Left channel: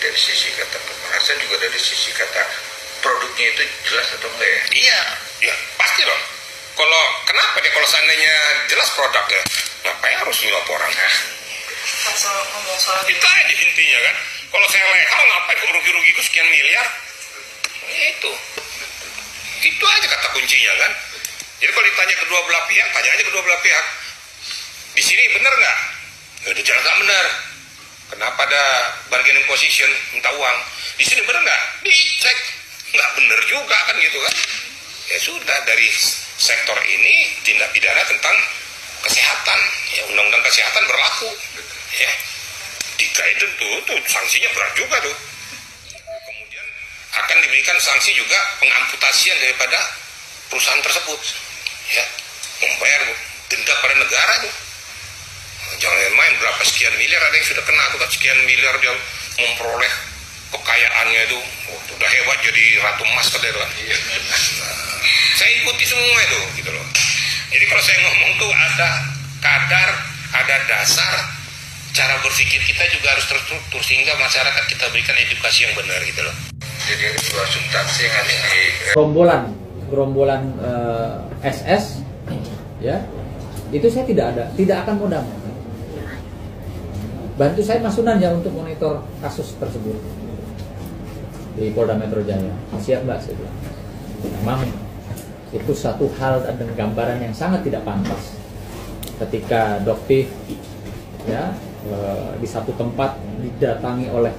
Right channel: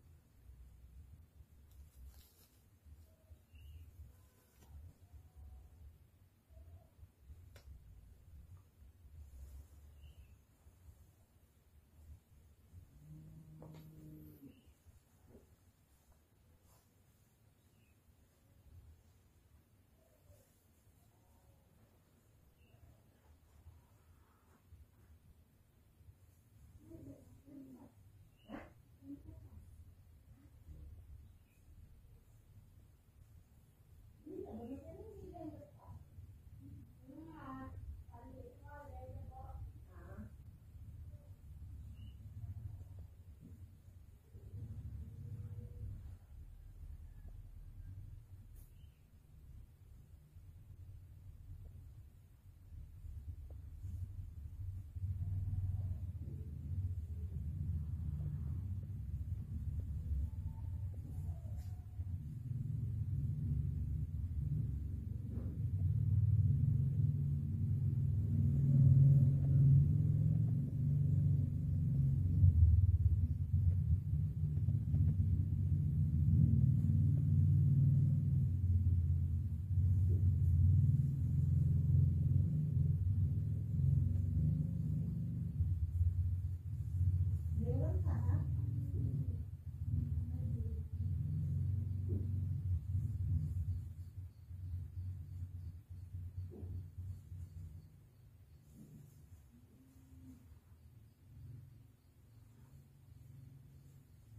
dari sisi kata pemerasan juga dari sisi kata produknya itu jelas atau enggak ya? Iya, ya pasti dong. Kenapa deh kalau seandainya jelas produknya, ngapain harus nyuap orang? Itu aja intinya kan. Kalau saya legal, ngapain kok rugi-rugi ke sekian miliar? Itu aja kata kuncinya kan. Jadi kalau ditanya kedua belah pihak, tanya aja kedua belah pihak. Di sini benar nggak? Udah jelas nggak benar. Kenapa ada bargaining position minta uang? Di sini benar nggak? Dicek. Nggak benar juga kan gitu kan. Ya sudah, dari sektor ini tindak pidana tentang kesehatan. Ya undang-undang kesehatan berlaku. Ya. Jika itu tuh sanksinya berat juga tuh. Kemudian akan diberikan sanksi juga pengamputasian daripada perusahaan tersebut. Ya. Membayar denda pada negara tuh. Jangan main berapa sekian miliar, ada yang sudah kena tuh kan, sekian miliar dia memperoleh kekayaannya itu. Udah hebat jadi ratu emas katanya kan. Saya ikuti semua itu gitu loh. Jadi kalau saya ngomong tuh ada kadar, ada dasar, cara berpikir kita juga harus terstruktur sehingga masyarakat kita berikan edukasi yang benar gitu loh. Jadi ada dua substansi yang harus di gerombolan SS ya, itu saya tidak akan mau damai. Bantu saya Mas Sunan ya untuk monitor kasus tersebut di Polda Metro Jaya. Siap Mbak, saya bilang. Memang itu satu hal dan gambaran yang sangat tidak pantas ketika Doktiv ya di satu tempat didatangi oleh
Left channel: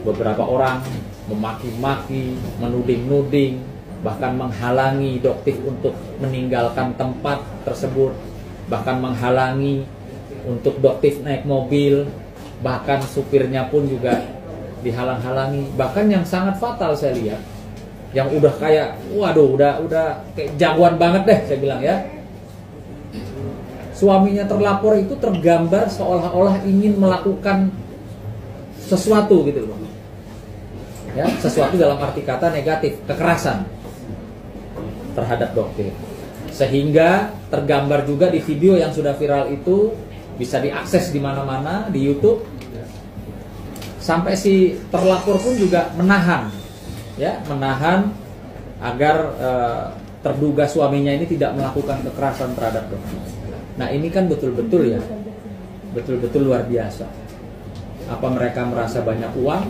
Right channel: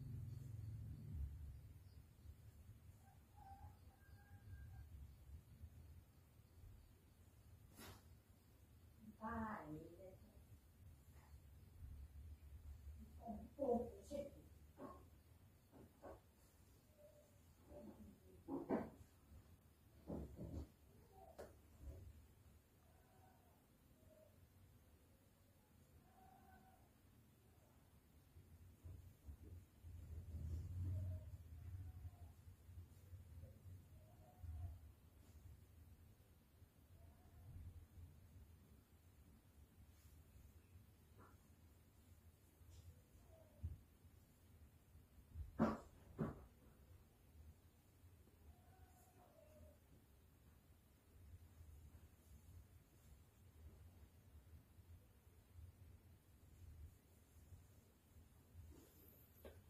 beberapa orang, memaki-maki, menuding-nuding, bahkan menghalangi Doktiv untuk meninggalkan tempat tersebut, bahkan menghalangi untuk Doktiv naik mobil, bahkan supirnya pun juga dihalang-halangi. Bahkan yang sangat fatal saya lihat, yang udah kayak waduh udah kayak jagoan banget deh saya bilang ya. Suaminya terlapor itu tergambar seolah-olah ingin melakukan sesuatu gitu loh. Ya, sesuatu dalam arti kata negatif, kekerasan terhadap Doktiv. Sehingga tergambar juga di video yang sudah viral itu, bisa diakses di mana-mana di YouTube. Sampai si terlapor pun juga menahan agar terduga suaminya ini tidak melakukan kekerasan terhadap Doktiv. Nah ini kan betul-betul luar biasa. Apa mereka merasa banyak uang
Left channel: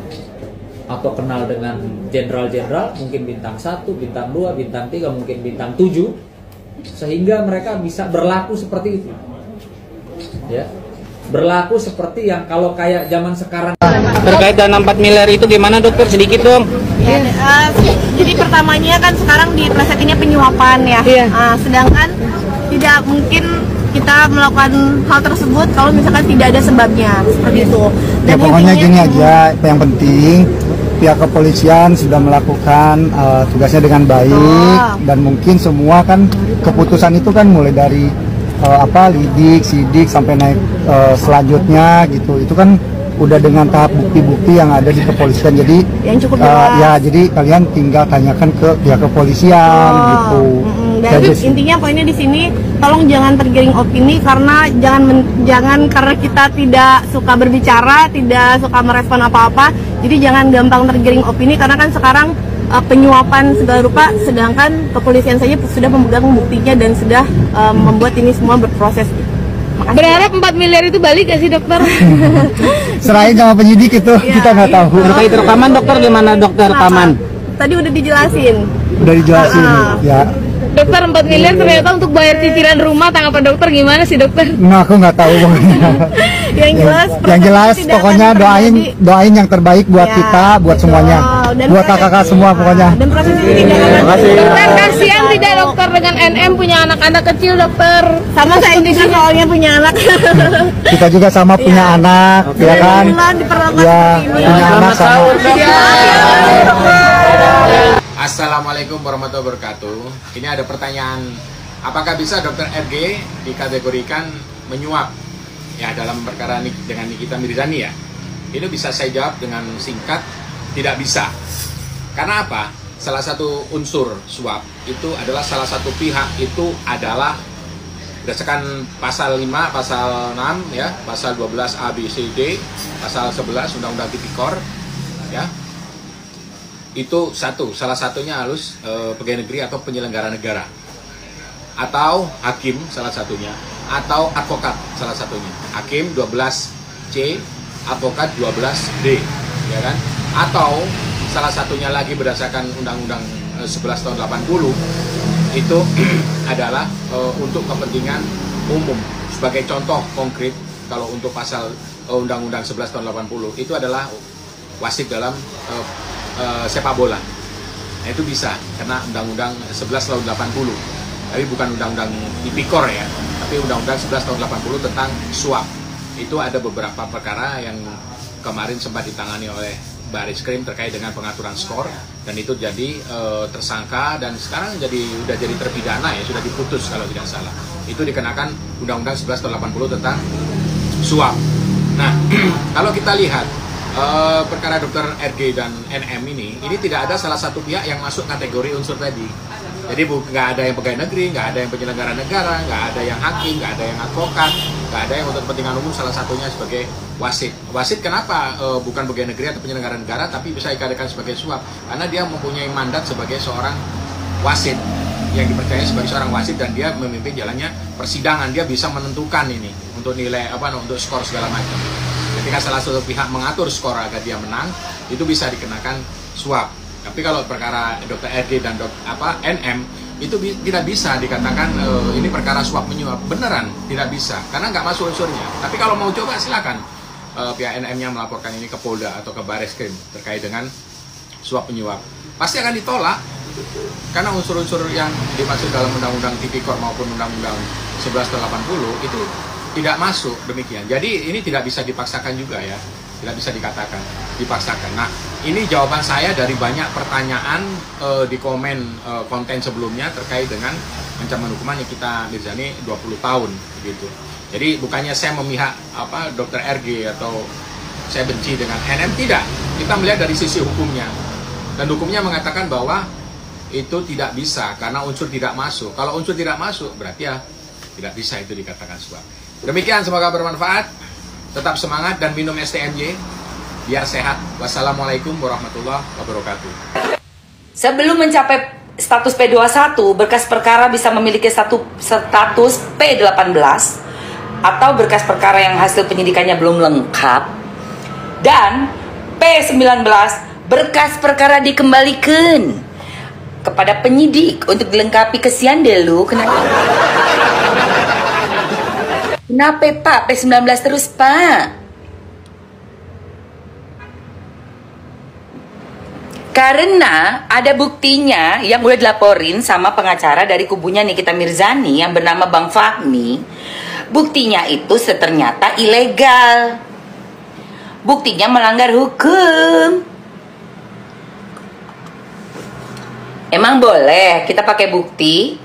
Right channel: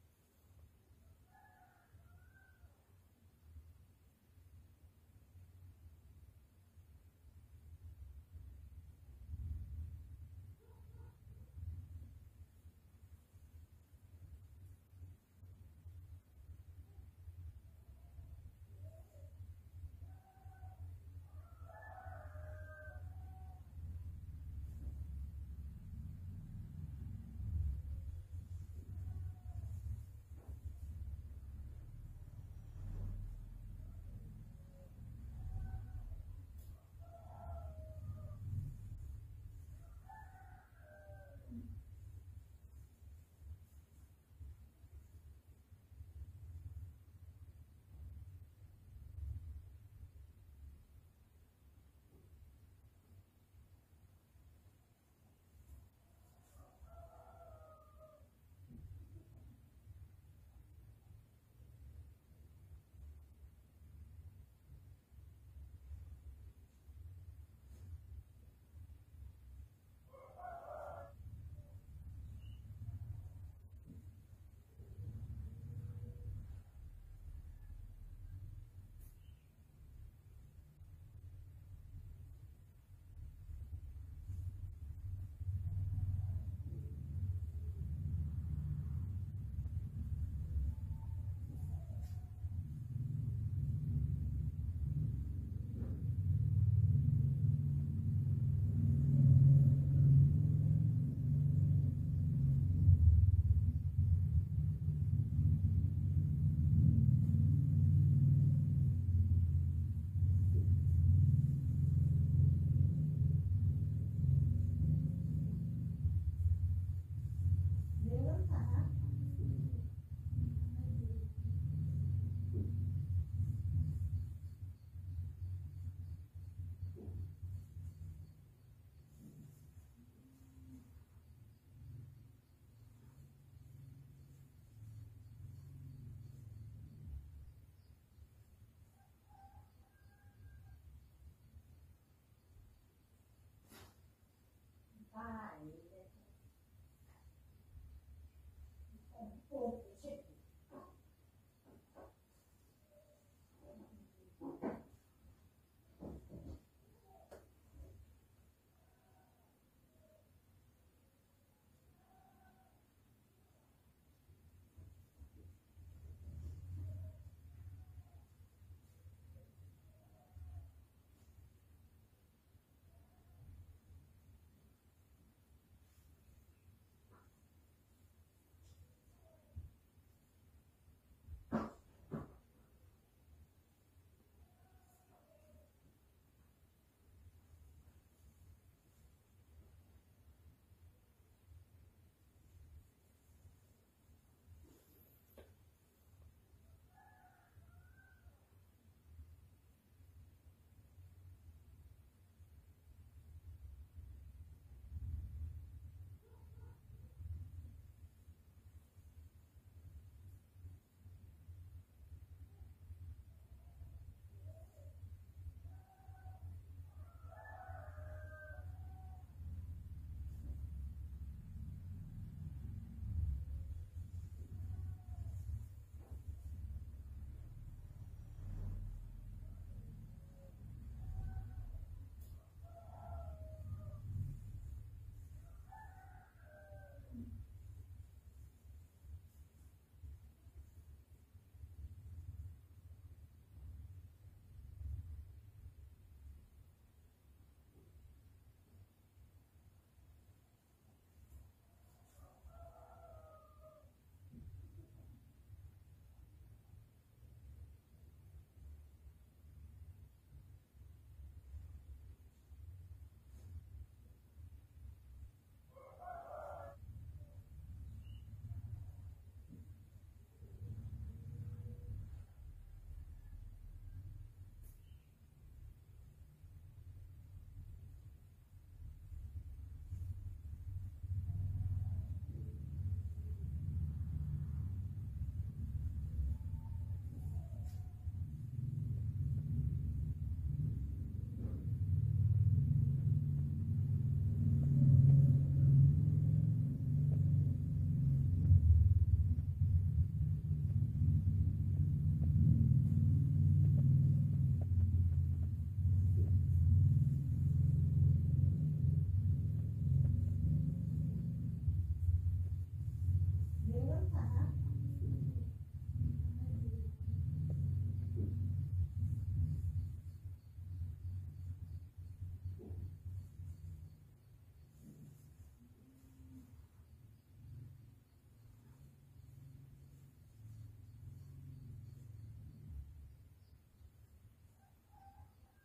atau kenal dengan jenderal-jenderal, mungkin bintang 1, bintang 2, bintang 3, mungkin bintang 7, sehingga mereka bisa berlaku seperti itu. Ya, berlaku seperti yang kalau kayak zaman sekarang. Terkait dana 4 miliar itu gimana dokter, sedikit dong? Ya, jadi pertamanya kan sekarang di plesetinnya penyuapan ya. Iya. Sedangkan tidak mungkin kita melakukan hal tersebut kalau misalkan tidak ada sebabnya seperti itu. Dan ya pokoknya gini aja, yang penting pihak kepolisian sudah melakukan tugasnya dengan baik, dan mungkin semua kan keputusan itu kan mulai dari lidik, sidik sampai naik selanjutnya gitu. Itu kan udah dengan tahap bukti-bukti yang ada di kepolisian. Jadi yang cukup jelas. jadi kalian tinggal tanyakan ke pihak kepolisian gitu. Dan intinya poinnya di sini, tolong jangan tergiring opini, karena jangan karena kita tidak suka berbicara, tidak suka merespon apa-apa. Jadi jangan gampang tergiring opini, karena kan sekarang penyuapan segala rupa, sedangkan kepolisian saja sudah memegang buktinya dan sudah membuat ini semua berproses. Makasih. Berharap 4 miliar itu balik gak sih dokter? Serahin sama penyidik itu, ya, kita nggak tahu. Terkait rekaman dokter gimana dokter, rekaman? Tadi udah dijelasin. Udah dijelasin, ya. Dokter 4 miliar ternyata untuk bayar cicilan rumah, tanggapan dokter gimana sih dokter? Nah, aku nggak tahu. yang jelas pokoknya doain yang terbaik buat kita, buat semuanya, buat kakak-kakak semua pokoknya. Dan proses ini jangan. Dokter, kasihan tidak dokter dengan NM punya anak-anak kecil dokter? Sama saya juga soalnya punya anak. Kita juga sama punya anak, ya kan? Ya, punya anak sama. Assalamualaikum warahmatullahi wabarakatuh. Ini ada pertanyaan, apakah bisa dokter RG dikategorikan menyuap ya dalam perkara dengan Nikita Mirzani ya? Ini bisa saya jawab dengan singkat, tidak bisa. Karena apa? Salah satu unsur suap itu adalah salah satu pihak itu adalah berdasarkan pasal 5, pasal 6 ya, pasal 12 A B C D, pasal 11 Undang-Undang Tipikor ya. Itu salah satunya harus pegawai negeri atau penyelenggara negara. Atau hakim salah satunya, atau advokat salah satunya. Hakim 12C, advokat 12D, ya kan? Atau salah satunya lagi berdasarkan Undang-Undang 11 tahun 80 itu adalah untuk kepentingan umum. Sebagai contoh konkret, kalau untuk pasal Undang-Undang 11 tahun 80 itu adalah wasit dalam sepak bola. Nah, itu bisa karena Undang-Undang 11 tahun 80. Tapi bukan Undang-Undang Tipikor ya, tapi Undang-Undang 11 tahun 80 tentang suap. Itu ada beberapa perkara yang kemarin sempat ditangani oleh Bareskrim terkait dengan pengaturan skor, dan itu jadi tersangka dan sekarang udah jadi terpidana ya, sudah diputus kalau tidak salah. Itu dikenakan Undang-Undang 11 tahun 80 tentang suap. Nah, kalau kita lihat perkara Dr. RG dan NM ini tidak ada salah satu pihak yang masuk kategori unsur tadi. Jadi nggak ada yang pegawai negeri, nggak ada yang penyelenggara negara, nggak ada yang hakim, nggak ada yang advokat, nggak ada yang untuk kepentingan umum, salah satunya sebagai wasit. Wasit kenapa bukan pegawai negeri atau penyelenggara negara, tapi bisa dikatakan sebagai suap? Karena dia mempunyai mandat sebagai seorang wasit, yang dipercaya sebagai seorang wasit, dan dia memimpin jalannya persidangan. Dia bisa menentukan ini untuk nilai untuk skor segala macam. Ketika salah satu pihak mengatur skor agar dia menang, itu bisa dikenakan suap. Tapi kalau perkara Dr. RG dan NM itu tidak bisa dikatakan ini perkara suap menyuap. Beneran tidak bisa, karena nggak masuk unsurnya. Tapi kalau mau coba silakan pihak NM-nya melaporkan ini ke Polda atau ke Bareskrim terkait dengan suap menyuap. Pasti akan ditolak, karena unsur-unsur yang dimaksud dalam Undang-Undang Tipikor maupun Undang-Undang 11 tahun 80 itu tidak masuk demikian. Jadi ini tidak bisa dipaksakan juga ya. Tidak bisa dikatakan dipaksakan. Nah, ini jawaban saya dari banyak pertanyaan di komen konten sebelumnya terkait dengan ancaman hukuman yang kita Mirzani 20 tahun begitu. Jadi bukannya saya memihak Dr. RG atau saya benci dengan NM, tidak. Kita melihat dari sisi hukumnya. Dan hukumnya mengatakan bahwa itu tidak bisa karena unsur tidak masuk. Kalau unsur tidak masuk berarti ya tidak bisa itu dikatakan suap. Demikian, semoga bermanfaat. Tetap semangat dan minum STMJ biar sehat. Wassalamualaikum warahmatullahi wabarakatuh. Sebelum mencapai status P21, berkas perkara bisa memiliki status P18 atau berkas perkara yang hasil penyidikannya belum lengkap, dan P19 berkas perkara dikembalikan kepada penyidik untuk dilengkapi. Kesian deh lu. Kenapa Pak? P19 terus Pak? Karena ada buktinya yang udah dilaporin sama pengacara dari kubunya Nikita Mirzani yang bernama Bang Fahmi. Buktinya itu ternyata ilegal. Buktinya melanggar hukum. Emang boleh kita pakai bukti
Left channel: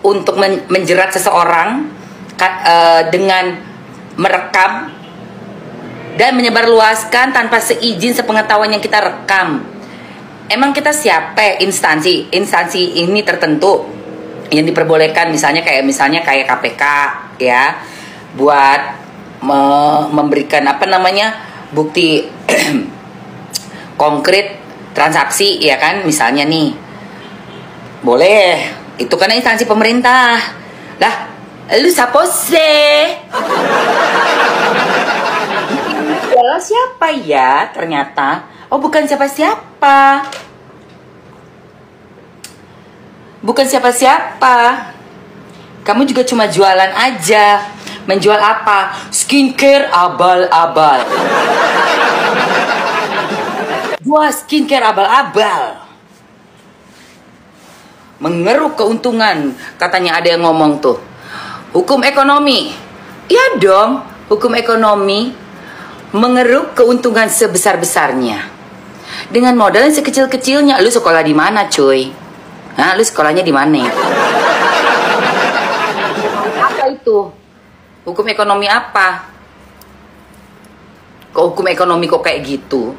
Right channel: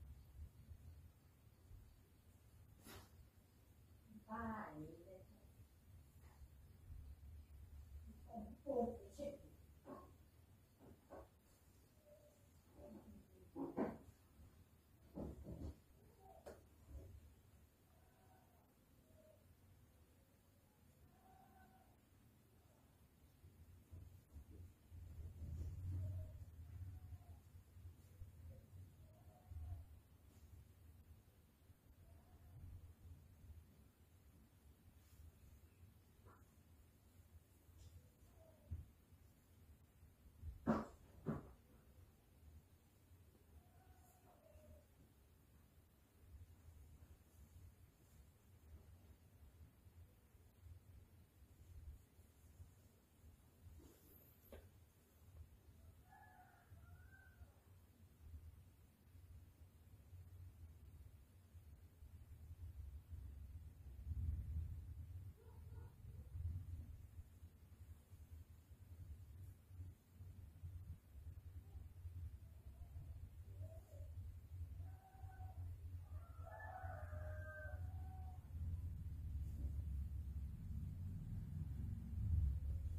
untuk menjerat seseorang dengan merekam dan menyebarluaskan tanpa seizin sepengetahuan yang kita rekam? Emang kita siapa? Instansi ini tertentu yang diperbolehkan, misalnya kayak KPK ya, buat memberikan bukti konkret transaksi ya kan, misalnya nih boleh, itu karena instansi pemerintah lah. Lu siapa sih? Adalah siapa ya ternyata? Oh, bukan siapa-siapa. Bukan siapa-siapa. Kamu juga cuma jualan aja. Menjual apa? Skincare abal-abal. Jual skincare abal-abal. Mengeruk keuntungan, katanya ada yang ngomong tuh. Hukum ekonomi. Iya dong, hukum ekonomi mengeruk keuntungan sebesar-besarnya dengan modal yang sekecil-kecilnya. Lu sekolah di mana, cuy? Hah, lu sekolahnya di mana? Apa itu? Hukum ekonomi apa? Kok hukum ekonomi kok kayak gitu?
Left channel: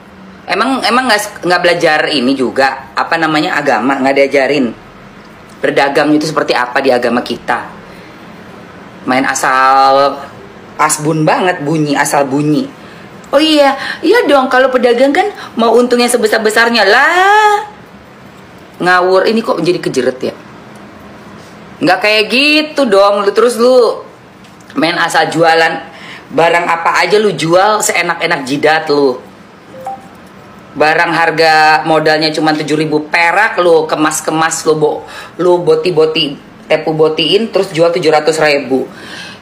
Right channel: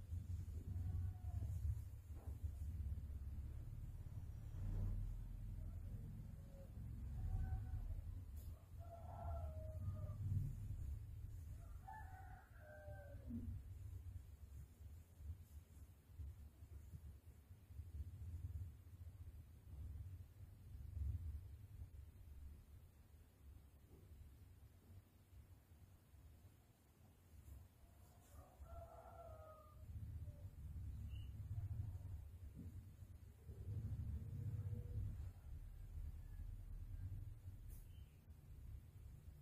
Emang nggak belajar ini juga agama, nggak diajarin berdagang itu seperti apa di agama kita? Main asal asbun banget, bunyi, asal bunyi. Oh iya dong, kalau pedagang kan mau untungnya sebesar-besarnya lah. Ngawur, ini kok jadi kejeret ya? Nggak kayak gitu dong, lu main asal jualan. Barang apa aja lu jual seenak-enak jidat lu. Barang harga modalnya cuma 7.000 perak, lu kemas-kemas, lu boti-boti, tepu botiin terus jual 700.000.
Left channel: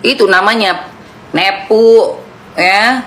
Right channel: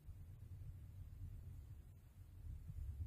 Itu namanya nepu, ya.